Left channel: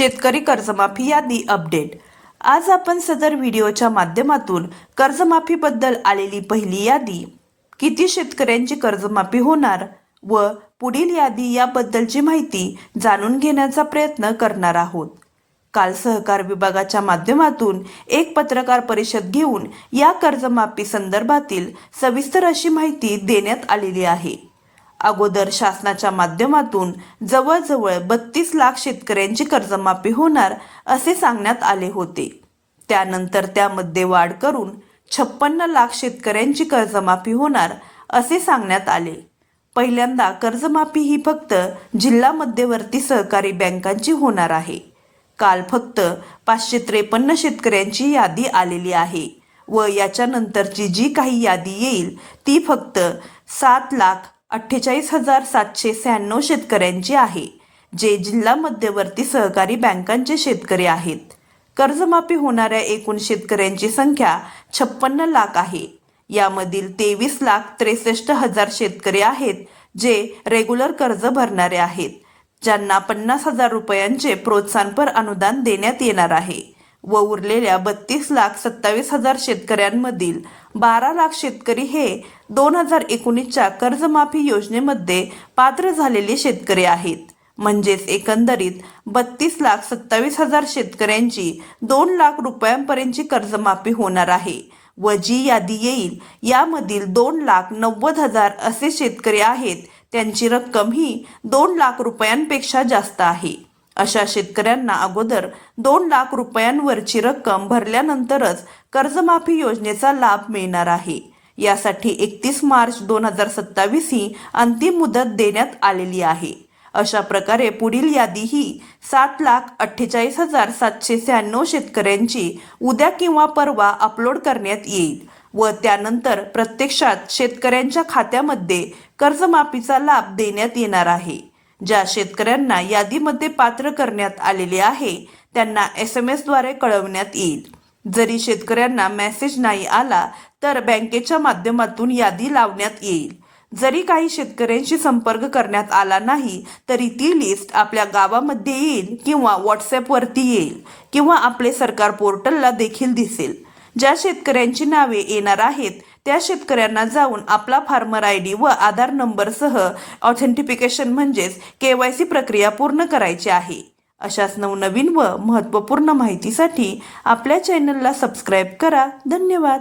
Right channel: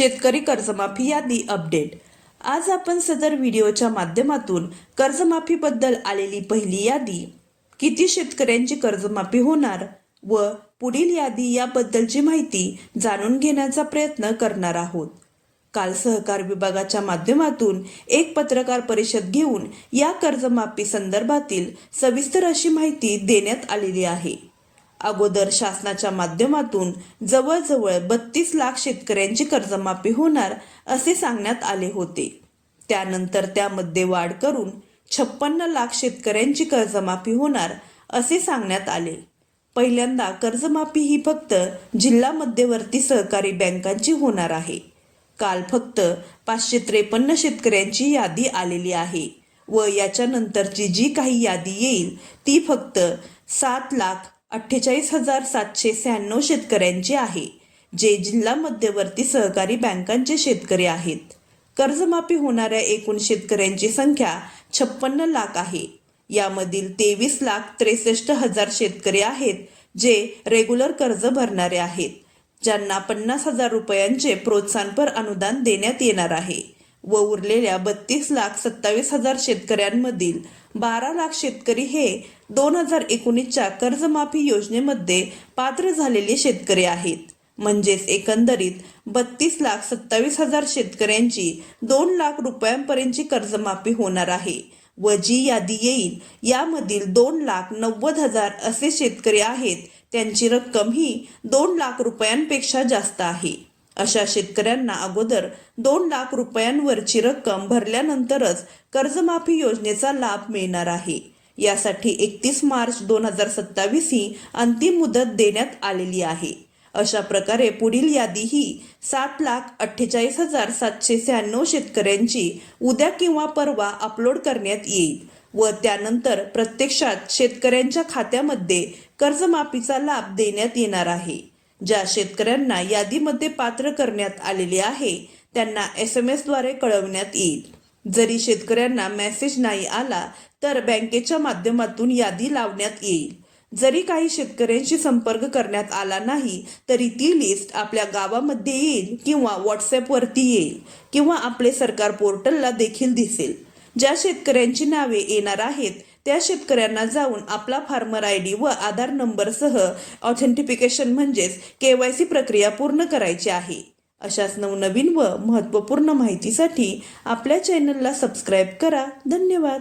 शेतकरी कर्जमाफी यादी अपडेट। आज आपण सदर व्हिडिओच्या माध्यमातून कर्जमाफीबद्दल आलेली पहिली यादी, किती शेतकऱ्यांची कर्जमाफी होणार व पुढील यादी याबद्दलची माहिती जाणून घेण्याचा प्रयत्न करणार आहोत। काल सहकार विभागाच्या माध्यमातून एक पत्रकार परिषद घेऊन या कर्जमाफी संदर्भातील सविस्तर अशी माहिती देण्यात आलेली आहे। अगोदर शासनाच्या माध्यमातून जवळजवळ 32 लाख शेतकऱ्यांची कर्जमाफी होणार असे सांगण्यात आले होते। त्यानंतर त्यामध्ये वाढ करून 56 लाख शेतकऱ्यांची कर्जमाफी होणार असे सांगण्यात आले। पहिल्यांदा कर्जमाफी ही फक्त जिल्हा मध्यवर्ती सहकारी बँकांची होणार आहे। काल फक्त 553 शेतकऱ्यांची यादी आलेली आहे व याच्यानंतरची जी काही यादी येईल ती फक्त 7,48,796 शेतकऱ्यांची आहे, जे जिल्हा मध्यवर्ती सहकारी बँकांचे शेतकरी आहेत। कर्जमाफी होणाऱ्या एकूण शेतकऱ्यांची संख्या 56 लाख आहे। यामधील 23,63,000 शेतकरी आहेत जे रेग्युलर कर्ज भरणारे आहेत, ज्यांना 50,000 रुपयांचे प्रोत्साहनपर अनुदान देण्यात येणार आहे व उरलेल्या 32,27,000 शेतकऱ्यांमधील 12 लाख शेतकरी हे 2019च्या कर्जमाफी योजनेमध्ये पात्र झालेले शेतकरी आहेत। म्हणजेच एकंदरीत 32,27,000 शेतकऱ्यांची 2 लाख रुपयांपर्यंतची कर्जमाफी होणार आहे व जी यादी येईल यामधील 2,90,000 असे शेतकरी आहेत, त्यांची रक्कम ही 2 लाख रुपयांपेक्षा जास्त आहे। अशा शेतकऱ्यांना अगोदर 2 लाख रुपयांवरची रक्कम भरल्यानंतरच कर्जमाफी योजनेचा लाभ मिळणार आहे। यासाठी 31 मार्च 2027 ही अंतिम मुदत देण्यात आलेली आहे। अशा प्रकारे पुढील यादी ही 7,48,796 शेतकऱ्यांची उद्या किंवा परवा अपलोड करण्यात येईल व त्यानंतर प्रत्यक्षात शेतकऱ्यांच्या खात्यामध्ये कर्जमाफीचा लाभ देण्यात येणार आहे। ज्या शेतकऱ्यांना यादीमध्ये पात्र करण्यात आलेले आहे त्यांना SMS द्वारे कळवण्यात येईल। जरी शेतकऱ्यांना मेसेज नाही आला तर बँकेच्या माध्यमातून यादी लावण्यात येईल। जरी काही शेतकऱ्यांशी संपर्क करण्यात आला नाही तरी ती लिस्ट आपल्या गावामध्ये येईल किंवा व्हॉट्सॲपवरती येईल किंवा आपले सरकार पोर्टलला देखील दिसेल। ज्या शेतकऱ्यांची नावे येणार आहेत त्या शेतकऱ्यांना जाऊन आपला फार्मर ID व आधार नंबरसह ऑथेंटिफिकेशन म्हणजेच KYC प्रक्रिया पूर्ण करायची आहे। अशाच नवनवीन व महत्त्वपूर्ण माहितीसाठी आपल्या चॅनलला सबस्क्राईब करा। धन्यवाद।